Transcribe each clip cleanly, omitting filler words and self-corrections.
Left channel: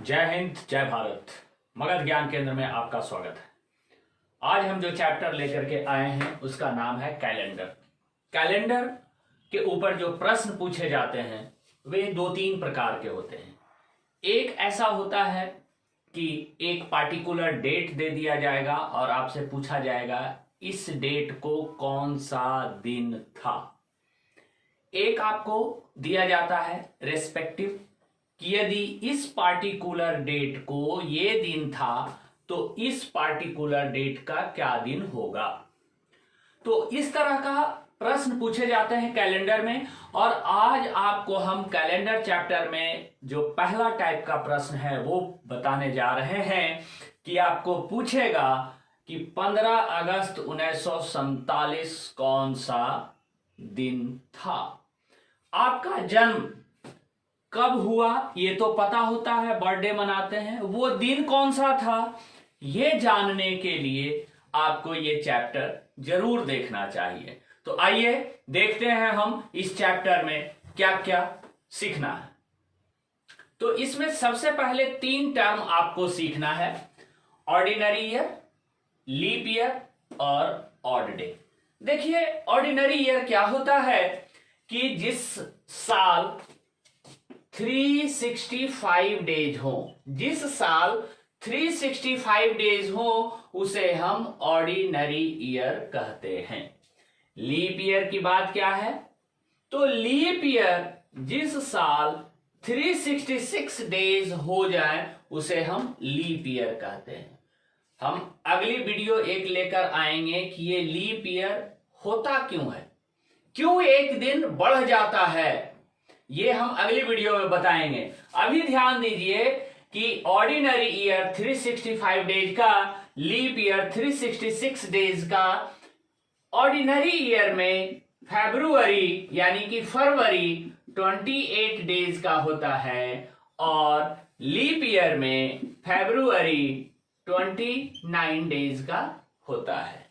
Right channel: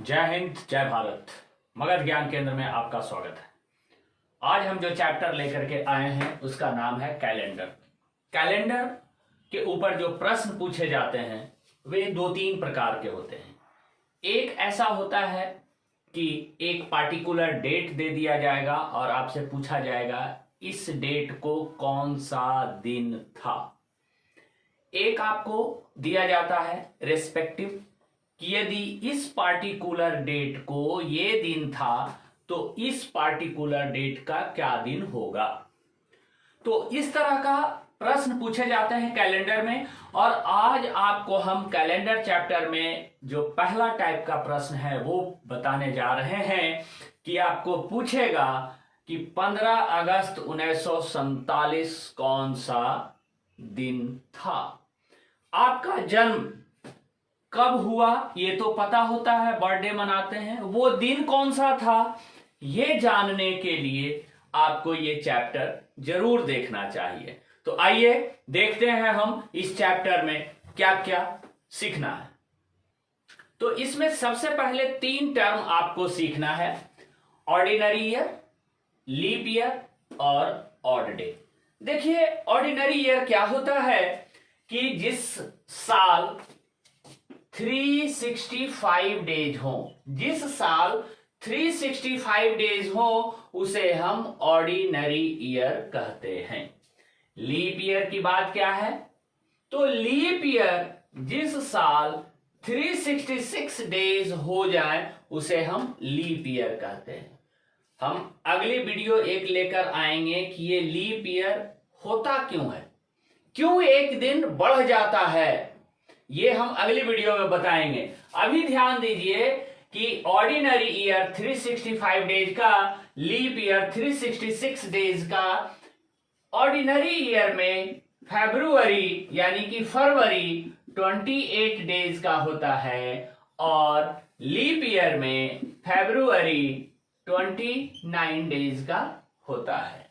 जय हिंद जय भारत। मगध ज्ञान केंद्र में आपका स्वागत है। आज हम जो चैप्टर लेकर के आए हैं उसका नाम है कैलेंडर। कैलेंडर के ऊपर जो प्रश्न पूछे जाते हैं वे दो तीन प्रकार के होते हैं। एक ऐसा होता है कि एक पार्टिकुलर डेट दे दिया जाएगा और आपसे पूछा जाएगा इस डेट को कौन सा दिन था। एक आपको दिया जाता है रेस्पेक्टिव कि यदि इस पार्टिकुलर डेट को ये दिन था तो इस पार्टिकुलर डेट का क्या दिन होगा। तो इस तरह का प्रश्न पूछे जाते हैं कैलेंडर में। और आज आपको हम कैलेंडर चैप्टर में जो पहला टाइप का प्रश्न है वो बताने जा रहे हैं कि आपको पूछेगा कि 15 अगस्त 1947 कौन सा दिन था। आपका जन्म कब हुआ ये तो पता होता है, बर्थडे मनाते हैं, वो दिन कौन सा था ये जानने के लिए आपको ये चैप्टर जरूर देखना चाहिए। तो आइए देखते हैं हम इस चैप्टर में क्या क्या सीखना है। तो इसमें सबसे पहले 3 टर्म आपको सीखना है, ऑर्डिनरी ईयर, लीप ईयर और ऑड डे। देखिए ऑर्डिनरी ईयर क्या होता है कि जिस साल 365 डेज हो, जिस साल 365 डेज हो उसे हम ऑर्डिनरी ईयर कहते हैं। लीप ईयर की बात क्या है? तो लीप ईयर जिस साल 366 डेज हो जाए उसे हम लीप ईयर कहते हैं। हम अगली वीडियो एक लेकर आएंगे कि ये लीप ईयर होता क्यों है, क्यों एक दिन बढ़ जाता है, ये हम अगली वीडियो में बताएंगे। अभी ध्यान दीजिए कि ऑर्डिनरी ईयर 365 डेज का, लीप ईयर 366 डेज का। ऑर्डिनरी ईयर में फरवरी यानी कि फरवरी 28 डेज का होता है और लीप ईयर में फरवरी 29 डेज का होता है।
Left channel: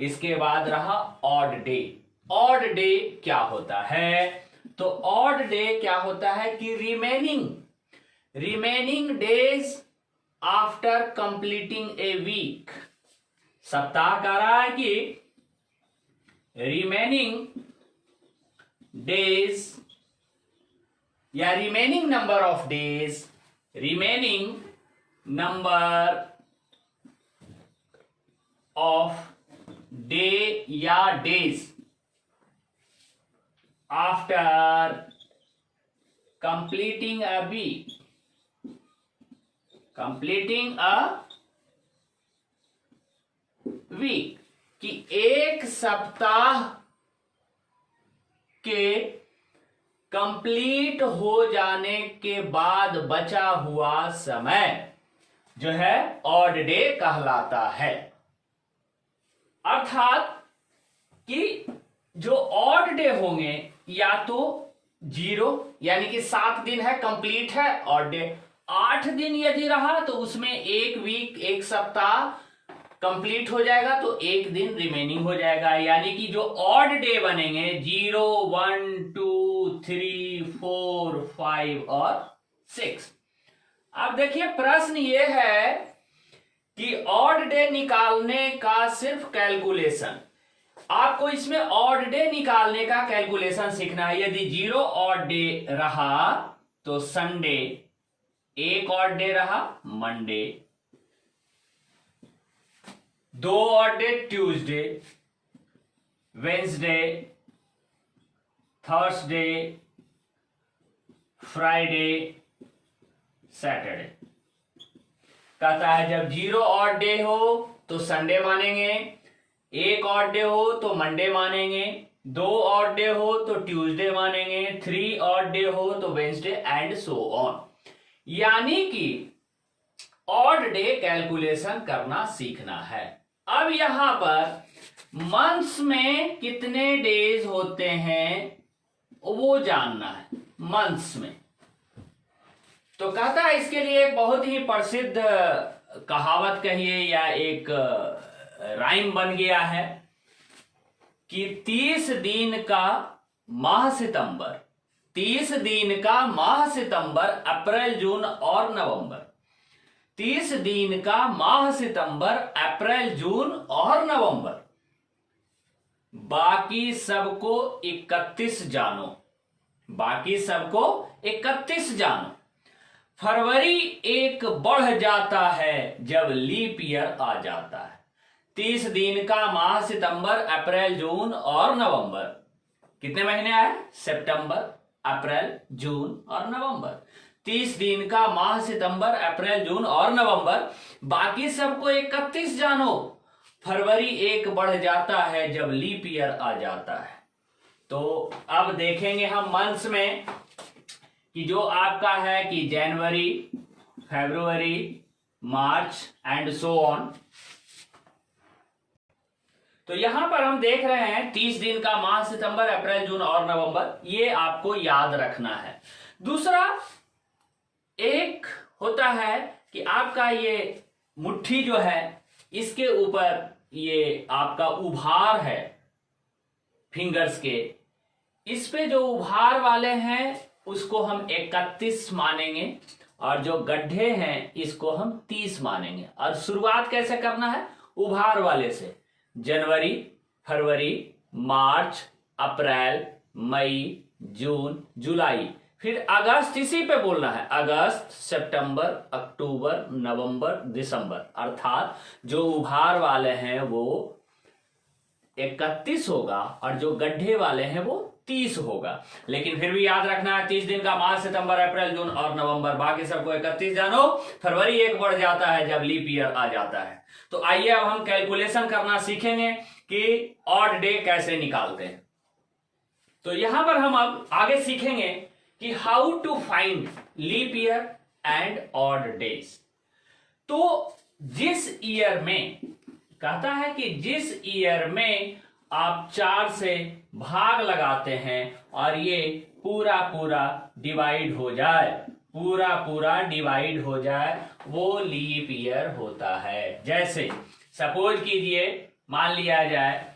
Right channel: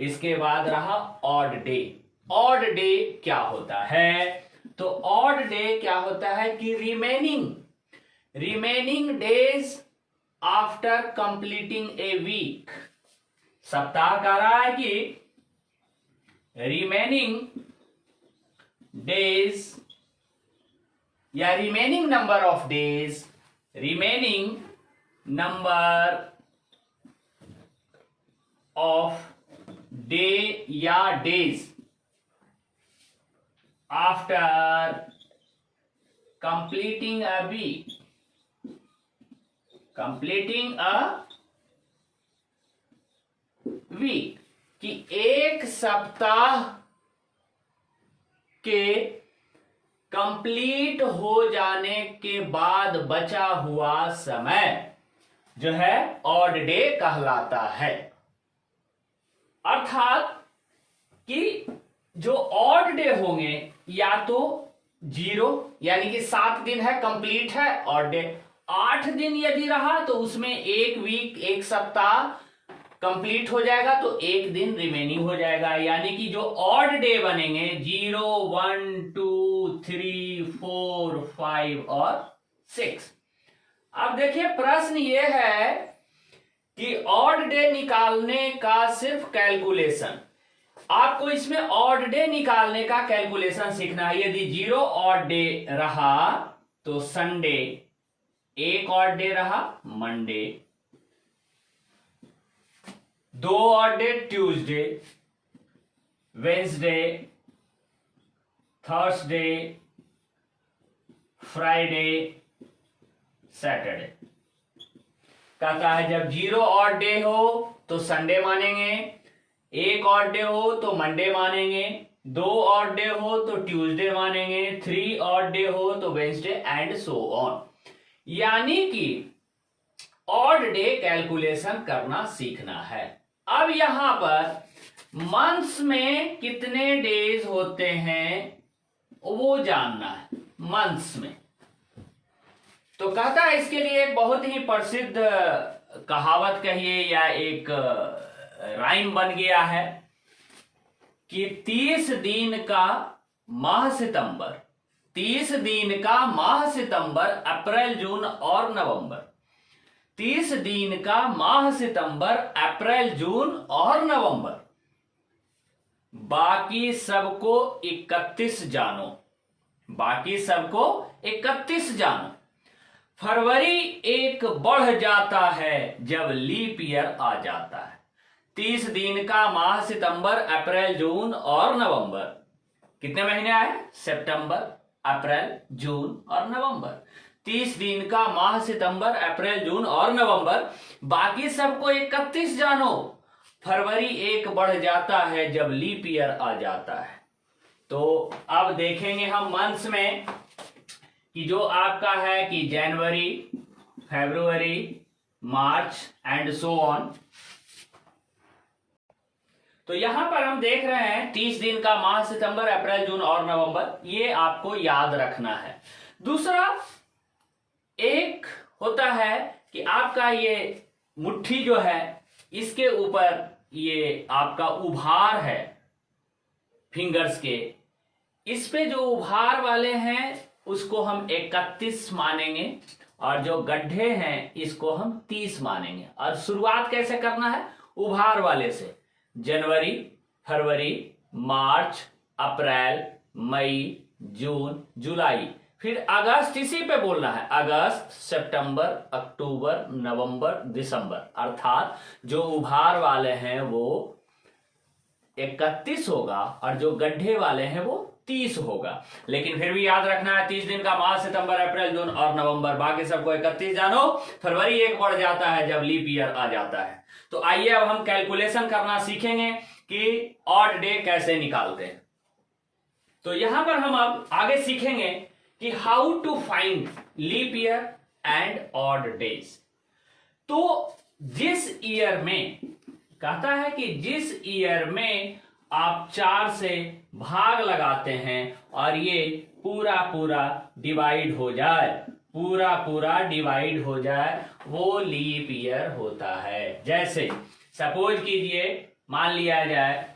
इसके बाद रहा ऑड डे। ऑड डे क्या होता है? तो ऑड डे क्या होता है कि remaining days after completing a week. सप्ताह कह रहा है कि रिमेनिंग डेज या remaining number of days, remaining number of day या days after completing a week, कि एक सप्ताह के कंप्लीट हो जाने के बाद बचा हुआ समय जो है ऑड डे कहलाता है। अर्थात कि जो ऑड डे होंगे या तो 0 यानी कि 7 दिन है, कंप्लीट है ऑड डे। 8 दिन यदि रहा तो उसमें एक वीक, एक सप्ताह कंप्लीट हो जाएगा तो एक दिन रिमेनिंग हो जाएगा। यानी कि जो ऑड डे बनेंगे 0, 1, 2, 3, 4, 5 और 6। अब देखिए प्रश्न ये है कि ऑड डे निकालने का सिर्फ कैलकुलेशन, आपको इसमें ऑड डे निकालने का कैलकुलेशन सीखना है। यदि 0 ऑड डे रहा तो संडे, एक ऑड डे रहा Monday, 2 odd day Tuesday, Wednesday, Thursday, Friday, Saturday. कहता है जब 0 ऑड डे हो तो संडे मानेंगे, एक ऑड डे हो तो मंडे मानेंगे, 2 ऑड डे हो तो ट्यूसडे मानेंगे, 3 ऑड डे हो तो वेंसडे एंड सो ऑन। यानी कि ऑड डे कैलकुलेशन करना सीखना है। अब यहां पर मंथ्स में कितने डेज होते हैं वो जानना है मंथ्स में। तो कहता है इसके लिए एक बहुत ही प्रसिद्ध कहावत कहिए या एक राइम बन गया है कि 30 दिन का माह सितंबर, 30 दिन का माह सितंबर, अप्रैल, जून और नवंबर। 30 दिन का माह सितंबर, अप्रैल, जून और नवंबर। बाकी सबको 31 जानो, बाकी सबको 31 जानो। फरवरी एक बढ़ जाता है जब लीप ईयर आ जाता है। 30 दिन का माह सितंबर, अप्रैल, जून और नवंबर। कितने महीने आए? सितंबर, अप्रैल, जून और नवंबर। 30 दिन का माह सितंबर, अप्रैल, जून और नवंबर। बाकी सबको 31 जानो। फरवरी एक बढ़ जाता है जब लीप ईयर आ जाता है। तो अब देखेंगे हम मंथ्स में कि जो आपका है कि जनवरी, फरवरी, मार्च एंड सो ऑन। तो यहां पर हम देख रहे हैं 30 दिन का माह सितंबर, अप्रैल, जून और नवंबर। ये आपको याद रखना है। दूसरा एक होता है कि आपका ये मुट्ठी जो है, इसके ऊपर ये आपका उभार है फिंगर्स के, इस पे जो उभार वाले हैं उसको हम 31 मानेंगे और जो गड्ढे हैं इसको हम 30 मानेंगे। और शुरुआत कैसे करना है? उभार वाले से। जनवरी, फरवरी, मार्च, अप्रैल, मई, जून, जुलाई, फिर अगस्त, इसी पे बोलना है। अगस्त, सितंबर, अक्टूबर, नवंबर, दिसंबर। अर्थात जो उभार वाले हैं वो 31 होगा और जो गड्ढे वाले हैं वो 30 होगा। लेकिन फिर भी याद रखना है 30 दिन का माह सितंबर, अप्रैल, जून और नवंबर। बाकी सबको 31 जानो। फरवरी एक बढ़ जाता है जब लीप ईयर आ जाता है। तो आइए अब हम कैलकुलेशन करना सीखेंगे कि ऑड डे कैसे निकालते हैं। तो यहां पर हम अब आगे सीखेंगे कि how to find leap year and odd days. तो जिस ईयर में कहता है कि जिस ईयर में आप 4 से भाग लगाते हैं और ये पूरा पूरा डिवाइड हो जाए, पूरा पूरा डिवाइड हो जाए, वो लीप ईयर होता है। जैसे सपोज कीजिए, मान लिया जाए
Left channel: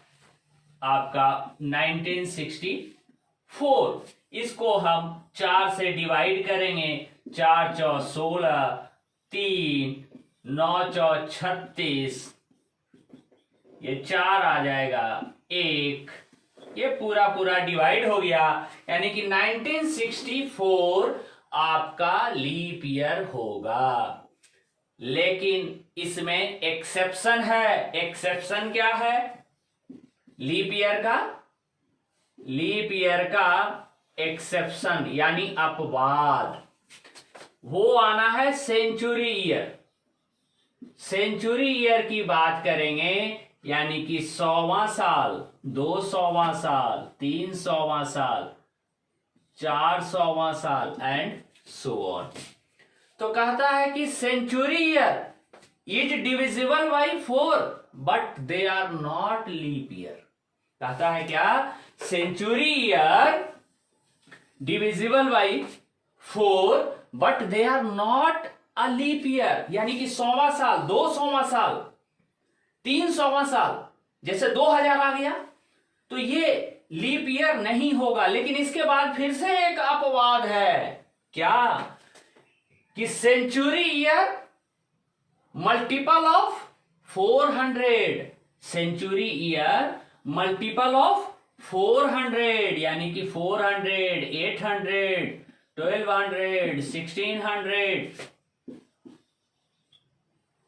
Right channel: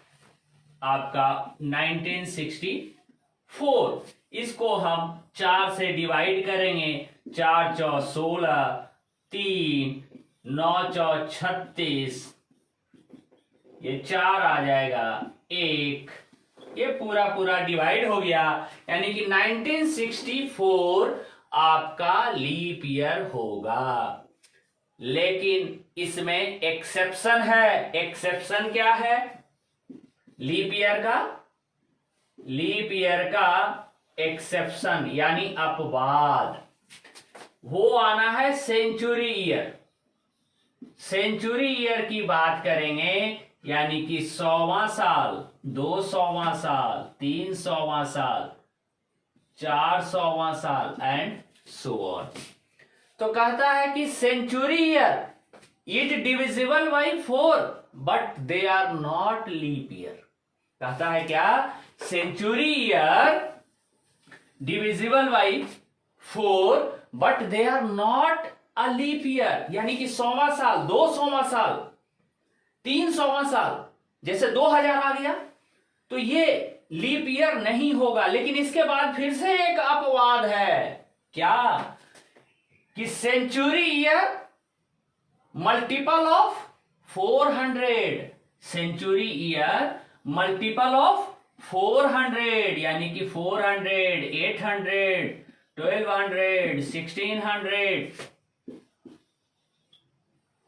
आपका 1964, इसको हम 4 से डिवाइड करेंगे। 4 चौ 16, 3 9 चौ 36, ये 4 आ जाएगा, 1, ये पूरा पूरा डिवाइड हो गया। यानी कि 1964 आपका लीप ईयर होगा। लेकिन इसमें एक्सेप्शन है। एक्सेप्शन क्या है लीप ईयर का? लीप ईयर का एक्सेप्शन यानी अपवाद वो आना है सेंचुरी ईयर। सेंचुरी ईयर की बात करेंगे यानी कि 100वां साल, 200वां साल, 300वां साल, 400वां साल एंड सो ऑन। तो कहता है कि century year is divisible by 4 but they are not leap year. कहता है क्या? Century year divisible by 4 but they are not a leap year. यानी कि 100वां साल, 200वां साल, 300वां साल, जैसे 2000 आ गया तो ये लीप ईयर नहीं होगा। लेकिन इसके बाद फिर से एक अपवाद है। क्या? कि century year multiple of 400। Century year multiple of 400 यानी कि 400, 800, 1200, 1600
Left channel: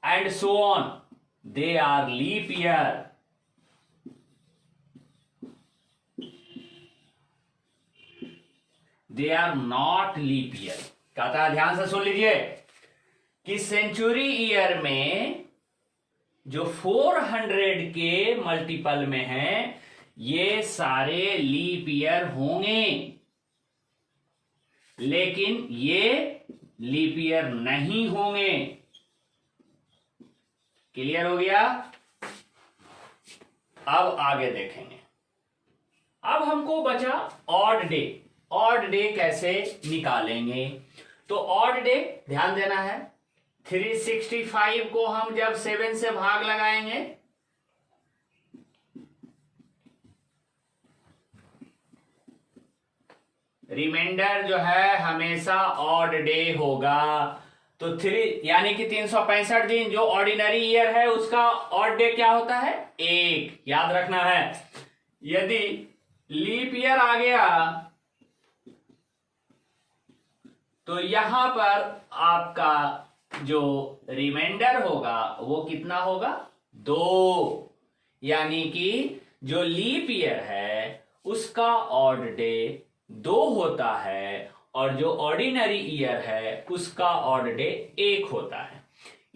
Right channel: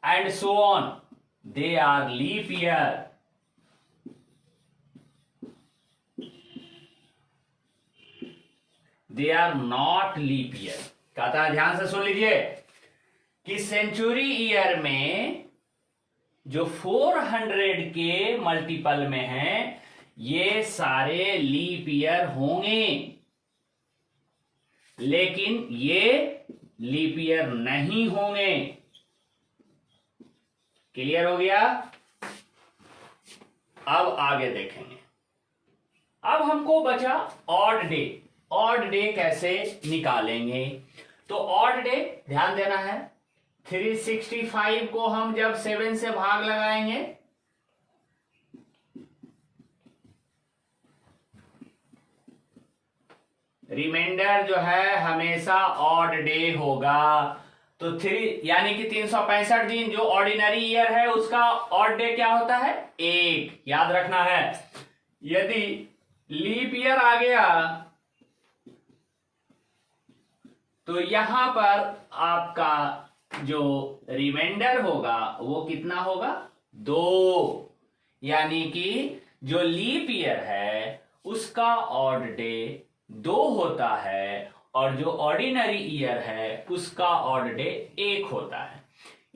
and so on. They are leap year. They are not leap year. कहता है, ध्यान से सुन लीजिए कि सेंचुरी ईयर में जो 400 के मल्टीपल में है ये सारे लीप ईयर होंगे, लेकिन ये लीप ईयर नहीं होंगे। क्लियर हो गया? अब आगे देखेंगे। अब हमको बचा ऑड डे। ऑड डे कैसे निकालेंगे? तो ऑड डे ध्यान देना है, 365 को हम जब 7 से भाग लगाएंगे रिमाइंडर जो है हमेशा ऑड डे होगा। तो 3 यानी कि 365 दिन जो ऑर्डिनरी ईयर है उसका ऑड डे क्या होता है? 1। याद रखना है। यदि लीप ईयर आ गया तो यहां पर आपका जो रिमाइंडर होगा वो कितना होगा? 2। यानी कि जो लीप ईयर है उसका ऑड डे 2 होता है और जो ऑर्डिनरी ईयर है उसका ऑड डे 1 होता है।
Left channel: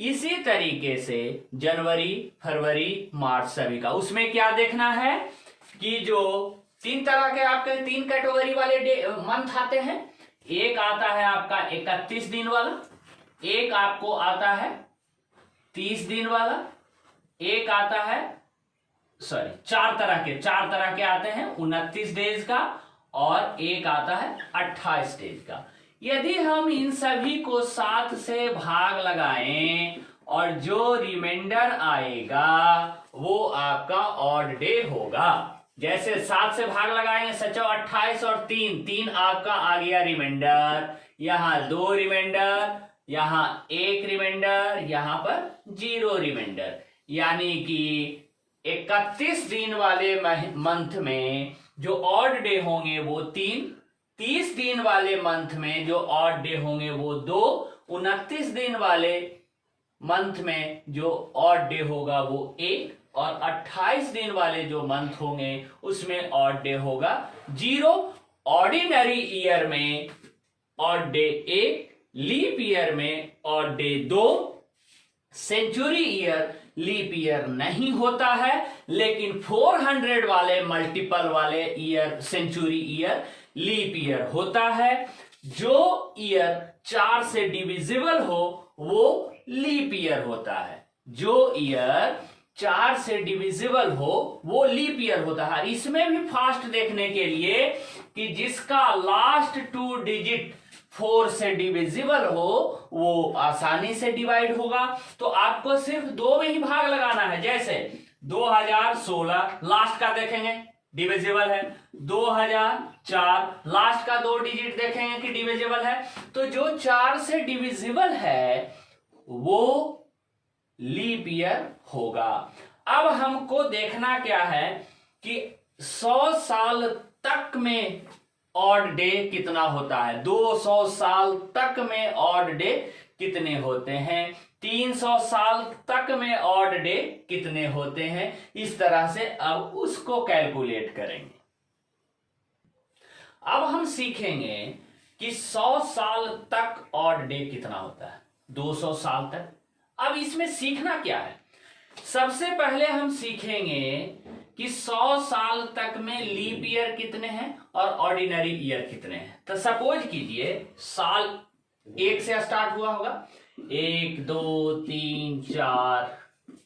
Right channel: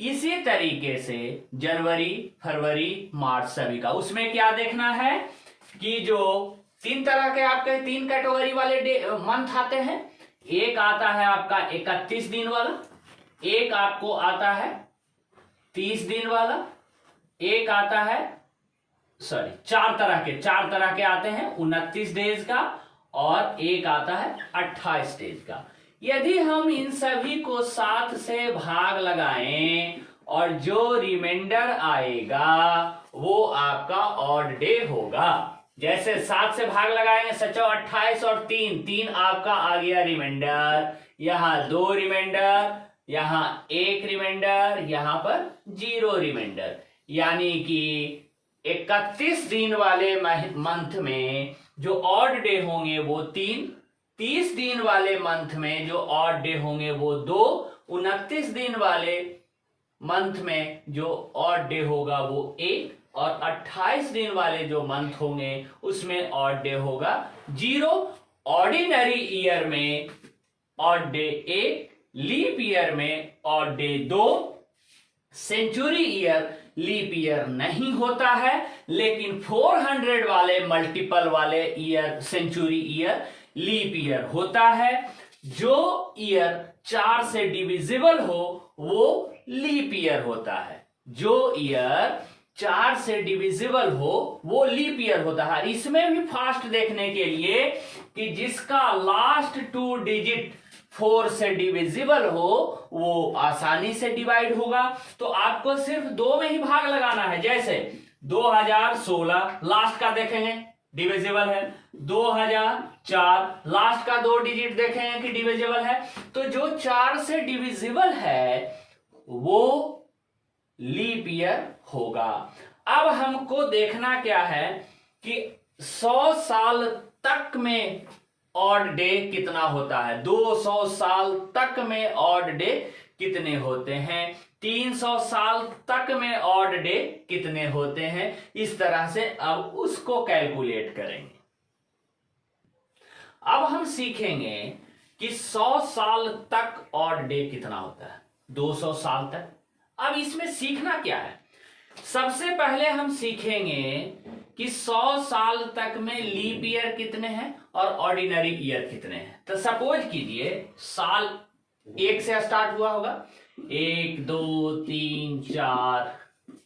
इसी तरीके से जनवरी, फरवरी, मार्च सभी का उसमें क्या देखना है कि जो 3 तरह के आपके 3 कैटेगरी वाले मंथ आते हैं। एक आता है आपका 31 दिन वाला, एक आपको आता है 30 दिन वाला, एक आता है 4 तरह के आते हैं 29 डेज का, और एक आता है 28 डेज का। यदि हम इन सभी को 7 से भाग लगाएं और जो रिमाइंडर आएगा वो आपका ऑड डे होगा। जैसे 7 से भाग लगाएंगे 7 और 28 और 3 आपका आ गया रिमाइंडर। यहां 2 रिमाइंडर, यहां 1 रिमाइंडर, यहां पर 0 रिमाइंडर। यानी कि 31 दिन वाले मंथ में जो ऑड डे होंगे वो 3, 30 दिन वाले मंथ में जो ऑड डे होंगे वो 2, 29 दिन वाले मंथ में जो ऑड डे होगा वो 1, और 28 दिन वाले जो मंथ होंगे उसमें ऑड डे होगा 0। ऑर्डिनरी ईयर में ऑड डे 1, लीप ईयर में odd day 2, century year leap year नहीं होता है, लेकिन 400 वाले मल्टीपल वाले year century year leap year होता है। जो ईयर 4 से डिविजिबल हो वो लीप ईयर होता है। जो ईयर 4 से डिविजिबल हो वो लीप ईयर होता है। इसमें भी फास्ट देखने के लिए कि जिसका लास्ट 2 डिजिट 4 से डिविजिबल हो वो आसानी से डिवाइड होगा। तो आपको सिर्फ 2 में ही भाग लगाना है। जैसे 2016 लास्ट का देखेंगे डिविजिबल है, 2004 लास्ट का 2 डिजिट देखेंगे कि डिविजिबल है। तो जो 4 से डिविजिबल है वो लीप ईयर होगा। अब हमको देखना क्या है कि 100 साल तक में ऑड डे कितना होता है, 200 साल तक में ऑड डे कितने होते हैं, 300 साल तक में ऑड डे कितने होते हैं। इस तरह से अब उसको कैलकुलेट करेंगे। अब हम सीखेंगे कि 100 साल तक ऑड डे कितना होता है, 200 साल तक। अब इसमें सीखना क्या है? सबसे पहले हम सीखेंगे कि 100 साल तक में लीप ईयर कितने हैं और ऑर्डिनरी ईयर कितने हैं। तो सपोज कीजिए साल 1 से स्टार्ट हुआ होगा, 1 2 3 4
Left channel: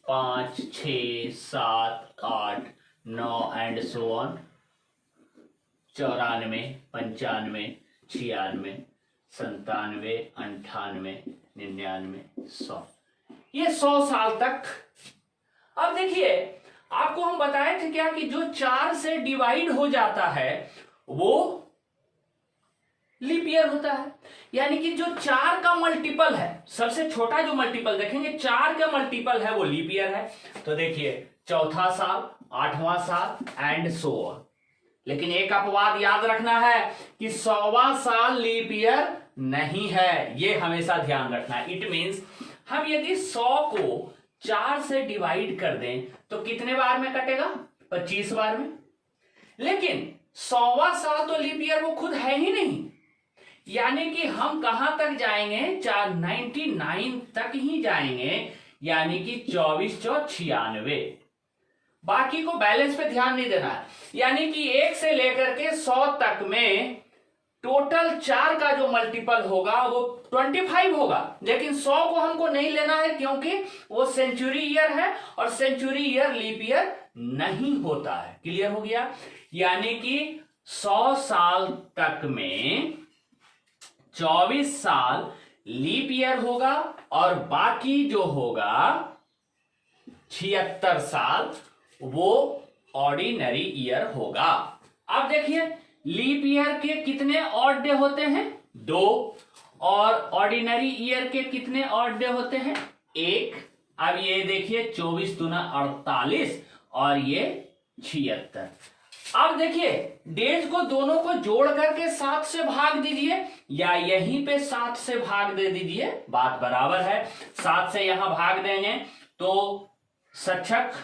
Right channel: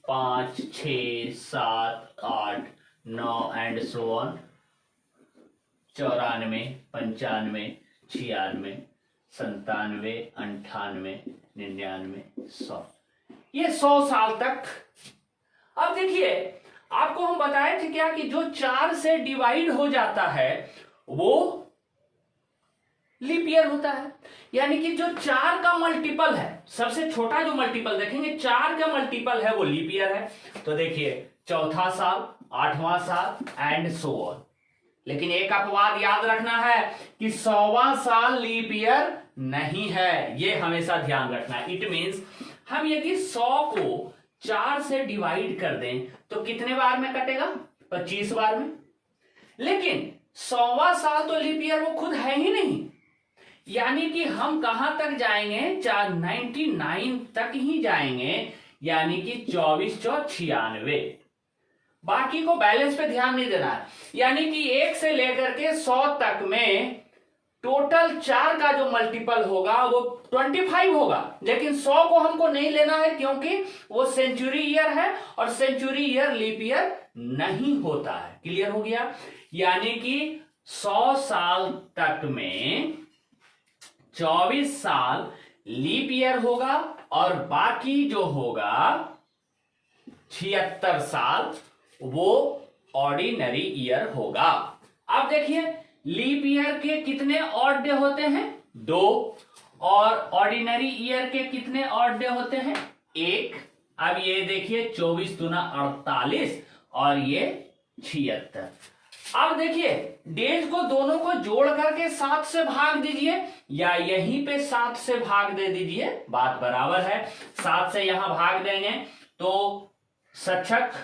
5 6 7 8 9 एंड सो ऑन, 94 95 96 97 98 99 100, ये 100 साल तक। अब देखिए आपको हम बताए थे क्या कि जो 4 से डिवाइड हो जाता है वो लीप ईयर होता है। यानी कि जो 4 का मल्टीपल है, सबसे छोटा जो मल्टीपल देखेंगे 4 का मल्टीपल है वो लीप ईयर है। तो देखिए 4था साल, 8वां साल एंड सो ऑन। लेकिन एक अपवाद याद रखना है कि 100वां साल लीप ईयर नहीं है, ये हमेशा ध्यान रखना है। इट मींस हम यदि 100 को 4 से डिवाइड कर दें तो कितने बार में कटेगा, 25 बार में। लेकिन 100वां साल तो लीप ईयर वो खुद है ही नहीं। यानी कि हम कहां तक जाएंगे, 99 तक ही जाएंगे, यानी कि 24 4 96। बाकी को बैलेंस पे ध्यान नहीं देना है। यानी कि 1 से लेकर के 100 तक में टोटल 4 का जो मल्टीपल होगा वो 25 होगा। लेकिन 100 को हमको नहीं लेना है क्योंकि वो सेंचुरी ईयर है और सेंचुरी ईयर लीप ईयर नहीं होता है। क्लियर हो गया? यानी कि 100 साल तक में 24 साल लीप ईयर होगा और बाकी जो होगा 76 साल वो ऑर्डिनरी ईयर होगा। अब देखिए लीप ईयर के कितने ऑड डे होते हैं? 2। और ऑर्डिनरी ईयर के कितने ऑड डे होते हैं? 1। अब ये देखिए 24 दूना 48 और ये 76। अब देखिए डेज को दोनों को जोड़ करके 7 से भाग दीजिए या यहीं पे 7 से भाग दे दीजिए, बात बराबर है। 7 से यहां भाग देंगे तो 7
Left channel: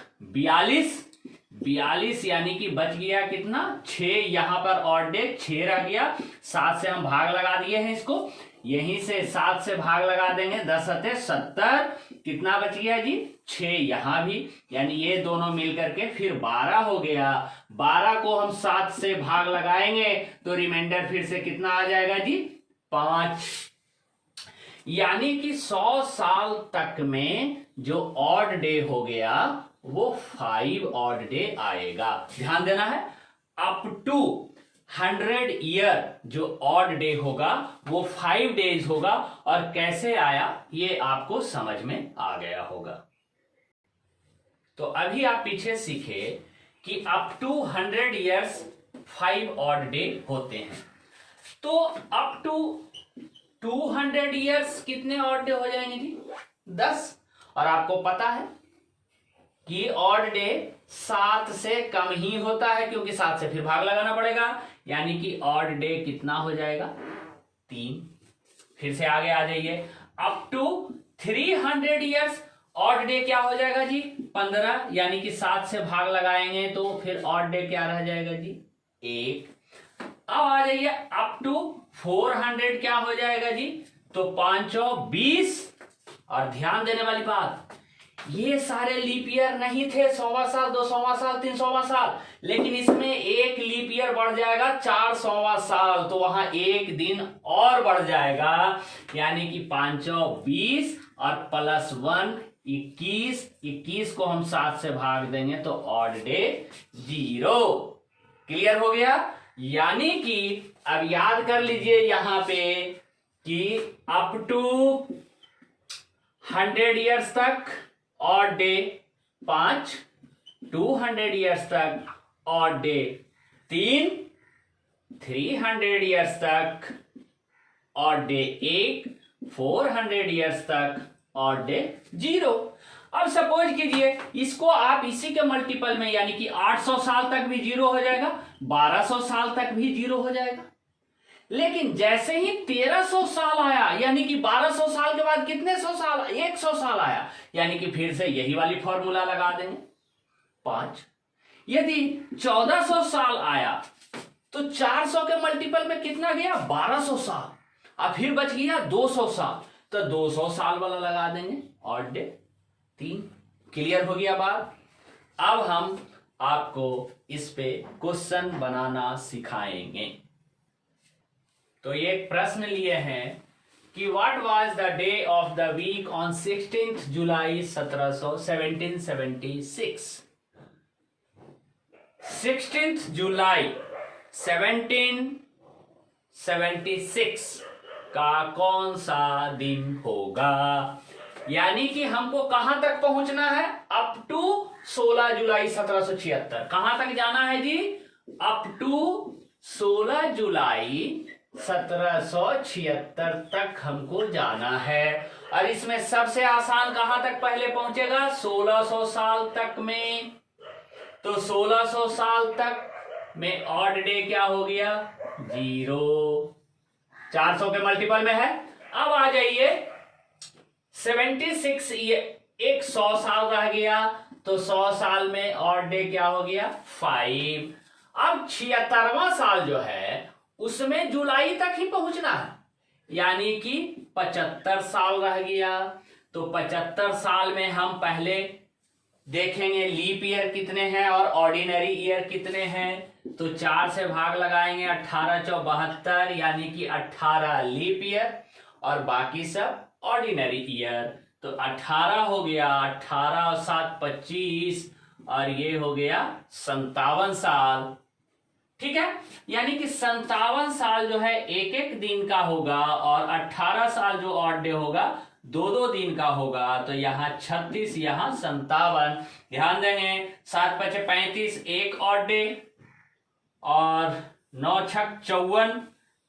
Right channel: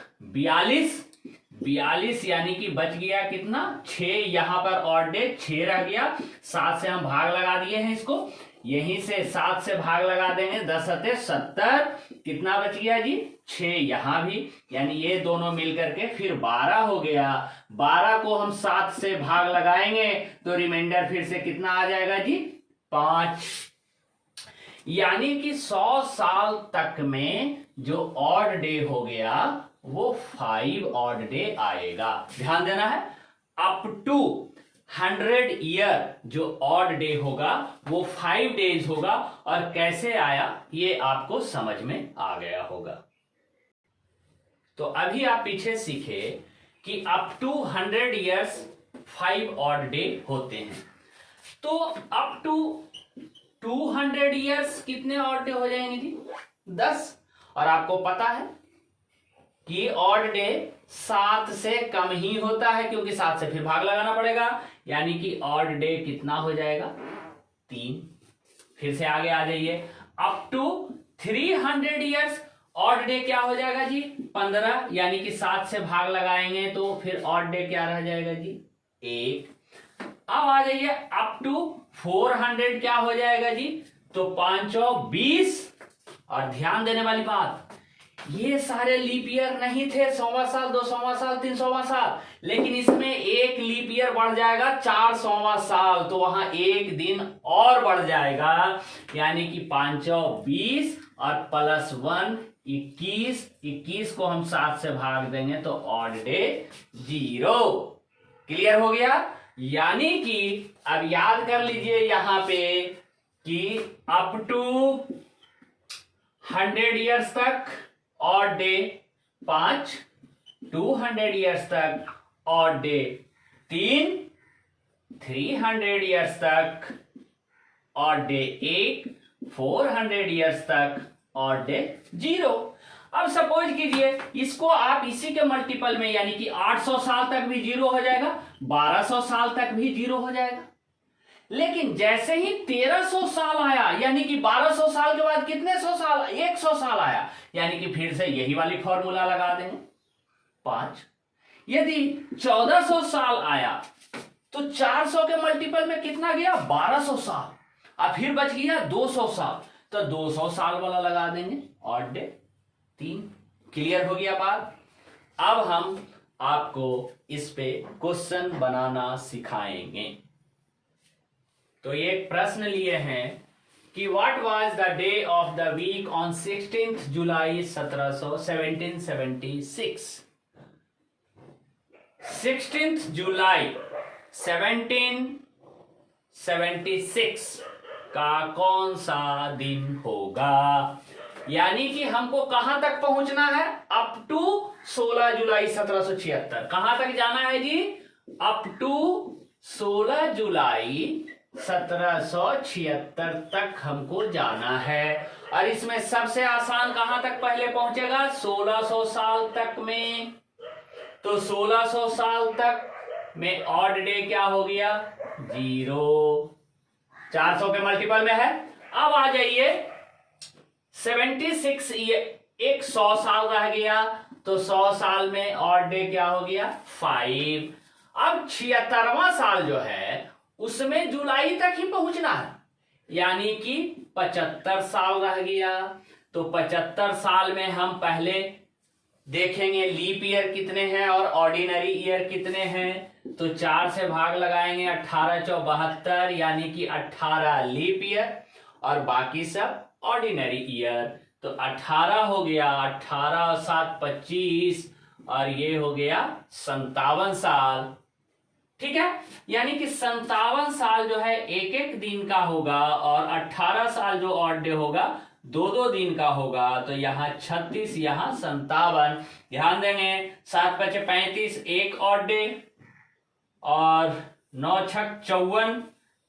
42 यानी कि बच गया कितना? 6। यहां पर ऑड डे 6 रह गया। 7 से हम भाग लगा दिए हैं इसको, यहीं से 7 से भाग लगा देंगे, 10 सते 70। कितना बच गया जी? 6 यहां भी, यानी ये दोनों मिलकर के फिर 12 हो गया। 12 को हम 7 से भाग लगाएंगे तो रिमाइंडर फिर से कितना आ जाएगा जी? 5। यानी कि 100 साल तक में जो ऑड डे हो गया वो 5 ऑड डे आएगा। ध्यान देना है, अप टू 100 ईयर जो ऑड डे होगा वो 5 डेज होगा। और कैसे आया ये आपको समझ में आ गया होगा। तो अभी आप पीछे सीखे कि up to 100 years 5 odd day होते हैं। तो अप टू 200 ईयर्स कितने ऑड डे हो जाएंगे जी? 10। और आपको पता है कि ऑड डे 7 से कम ही होता है, क्योंकि 7 से फिर भाग लगाना पड़ेगा, यानी कि ऑड डे कितना हो जाएगा? 3। फिर से आगे आ जाइए, up to 300 years odd day क्या हो जाएगा जी? 15, यानी कि 7 से भाग लगाएंगे तो फिर ऑड डे क्या रह जाएगा जी? 1। अब आ जाइए अप टू 400 क्या हो जाएगा जी? तो 5 और 20। और ध्यान देने वाली बात, ये सारे लीप ईयर नहीं थे, 100वां साल, 200वां साल, 300वां साल, लेकिन इसमें एक लीप ईयर बढ़ जाएगा, 400वां साल, तो वहां एक दिन और बढ़ जाएगा, यानी कि 520 और +1 21। 21 को हम 7 से भाग देंगे तो ऑड डे 0। क्लियर हो गया? यानी कि अब याद कर लीजिए यहां पे कि अप टू 100 ईयर्स तक ऑड डे 5, 200 ईयर्स तक ऑड डे 3, 300 ईयर्स तक ऑड डे 1, 400 ईयर्स तक ऑड डे 0। अब सपोज कीजिए इसको आप इसी के मल्टीपल में, यानी कि 800 साल तक भी 0 हो जाएगा, 1200 साल तक भी 0 हो जाएगा। लेकिन जैसे ही 1300 साल आया, यानी कि 1200 साल के बाद कितने 100 साल? 100 साल आया, यानी कि फिर से यही वाली फॉर्मूला लगा देंगे 5। यदि 1400 साल आया तो 400 के मल्टीपल में कितना गया? 1200 साल। अब फिर बच गया 200 साल, तो 200 साल वाला लगा देंगे, ऑड डे 3। क्लियर हो गया बात? अब हम आपको इस पे क्वेश्चन बनाना सिखाएंगे। तो ये एक प्रश्न लिए हैं कि what was the day of the week on 16 जुलाई 1776। 16 जुलाई 1776 का कौन सा दिन होगा? यानी कि हमको कहां तक पहुंचना है? अप टू 16 जुलाई 1776। कहां तक जाना है जी? अप टू 16 जुलाई 1776 तक हमको जाना है। और इसमें सबसे आसान कहां तक पहले पहुंचेगा? 1600 साल तक में। तो 1600 साल तक में ऑड डे क्या हो गया? 0। 400 के मल्टीपल में है। अब आ जाइए 76 एक 100 साल रह गया, तो 100 साल में ऑड डे क्या हो गया? 5। अब 76वां साल जो है उसमें जुलाई तक ही पहुंचना है, यानी कि 75 साल रह गया। तो 75 साल में हम पहले देखेंगे लीप ईयर कितने हैं और ऑर्डिनरी ईयर कितने हैं। तो 4 से भाग लगाएंगे, 18 × 72, यानी कि 18 लीप ईयर और बाकी सब ऑर्डिनरी ईयर। तो 18 हो गया, 18 और 7 25, और ये हो गया 57 साल। ठीक है, यानी कि 57 साल जो है एक एक दिन का होगा, और 18 साल जो ऑड डे होगा 2-2 दिन का होगा। तो यहाँ 36, यहाँ 57। ध्यान देंगे 7 × 5 = 35 एक ऑड डे, और 9 छक 54,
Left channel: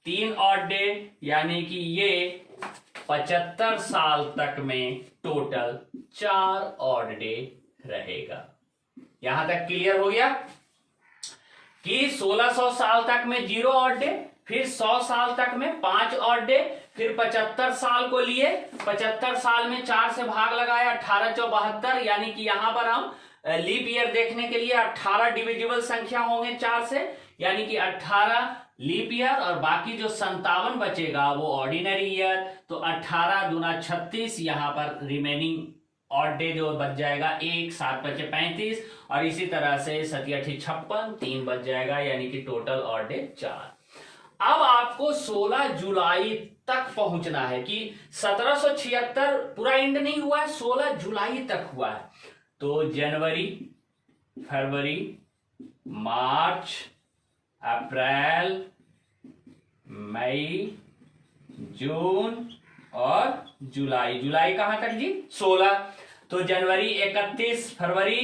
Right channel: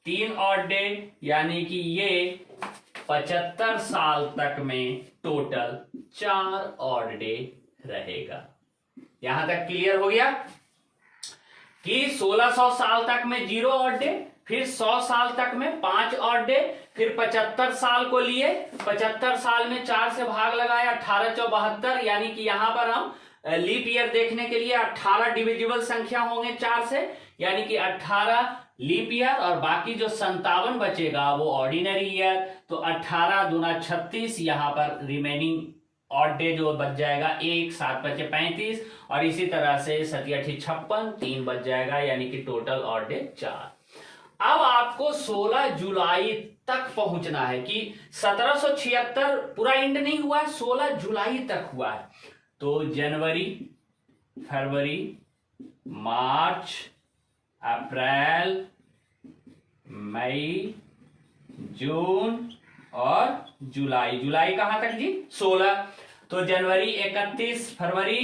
3 ऑड डे, यानी कि ये 75 साल तक में टोटल 4 ऑड डे रहेगा। यहां तक क्लियर हो गया कि 1600 साल तक में 0 ऑड डे, फिर 100 साल तक में 5 ऑड डे, फिर 75 साल को लिए, 75 साल में 4 से भाग लगाया, 18 × 72, यानी कि यहां पर हम लीप ईयर देखने के लिए 18 डिविजिबल संख्या होंगे 4 से, यानी कि 18 लीप ईयर, और बाकी जो 57 बचेगा वो ऑर्डिनरी ईयर। तो 18 दूना 36, यहां पर रिमेनिंग ऑड डे जो बच जाएगा 1, 7 बचे 35, और इसी तरह से 7 × 8 56, 3 बच जाएगा, यानी कि टोटल ऑड डे 4। अब आपको 16 जुलाई तक पहुंचना है कि 1776 पूरा एंड नहीं हुआ है, 16 जुलाई तक हुआ है। तो जनवरी, फरवरी, मार्च, अप्रैल, मई, जून और जुलाई। जुलाई कहां तक जी? 16। तो जनवरी 31, फरवरी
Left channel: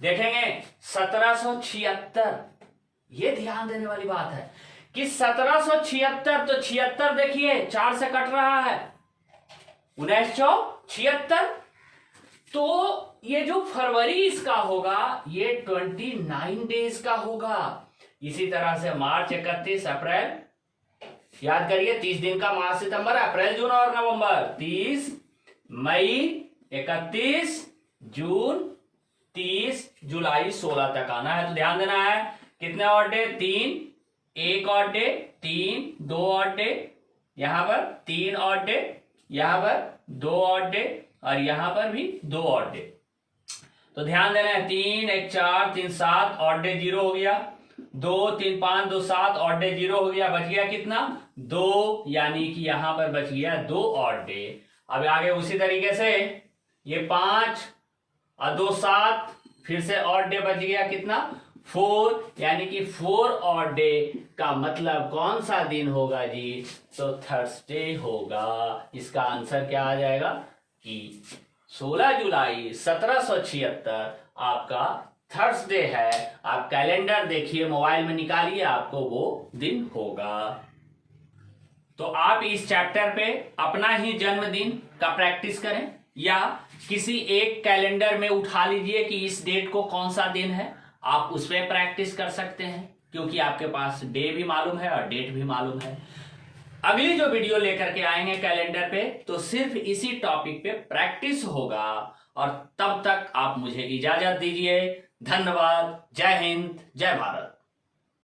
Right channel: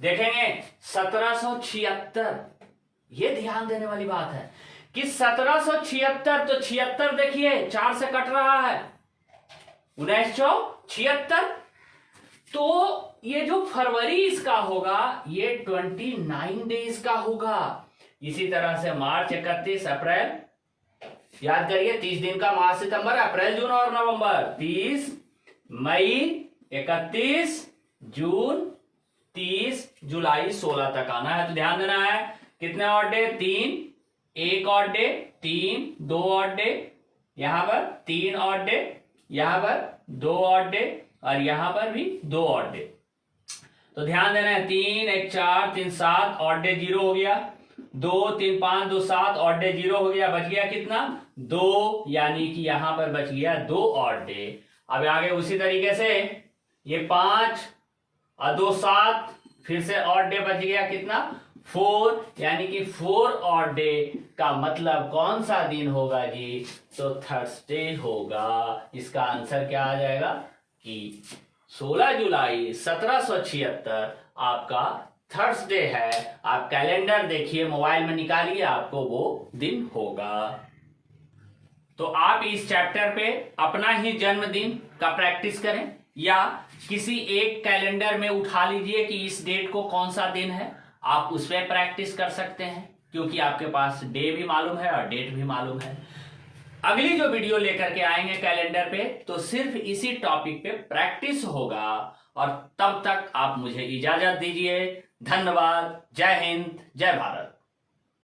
देखेंगे 1776। ये ध्यान देने वाली बात है कि 1776, तो 76 देखिए 4 से कट रहा है, 1976। तो ये जो फरवरी इसका होगा ये 29 डेज का होगा। इसी तरह से मार्च 31, अप्रैल, याद करिए 30 दिन का मार्च, सितंबर, अप्रैल, जून और नवंबर, 30, मई 31, जून 30, जुलाई 16 तक आना है। तो ध्यान देना है कितने odd day? 3, 1 odd day, 3, 2 odd day, यहां पर 3 ऑड डे, यहां पर 2 ऑड डे, और यहां पर भी 2 ऑड डे। तो ध्यान देना है 3, 1, 4, 3, 7, ऑड डे 0 हो गया, 2, 3, 5, 2, 7, ऑड डे 0 हो गया, बच गया कितना? 2, यानी कि यहां पर बच गया 2 ऑड डे। अब आगे उसी तरीके से ये 5 और 2, 7, फिर से ऑड डे बच गया कितना? 4, यानी कि 4 ऑड डे का मतलब कौन सा दिन होगा जी? तो थर्सडे होगा। इसका आंसर क्या आ जाएगा कि 16 जुलाई 1776 आपका थर्सडे है। आप कैलेंडर देखिए, मोबाइल में निकालिए, आपको वो दिन होगा। तो आप इस चैप्टर पे अपना ही जन्मदिन का प्रैक्टिस करें, या किसी एक कैलेंडर में उठा लीजिए कि इस डेट को कौन सा दिन है, आप उस पर प्रैक्टिस कर सकते हैं, क्योंकि आपके पास डे भी मालूम है और डेट भी मालूम है। अगली जो वीडियो लेकर के आएंगे कैलेंडर पे, तो सिर्फ इसी टॉपिक पे प्रैक्टिस होगा। और तब तक आप मुझे इजाजत दीजिए। धन्यवाद। जय हिंद, जय भारत।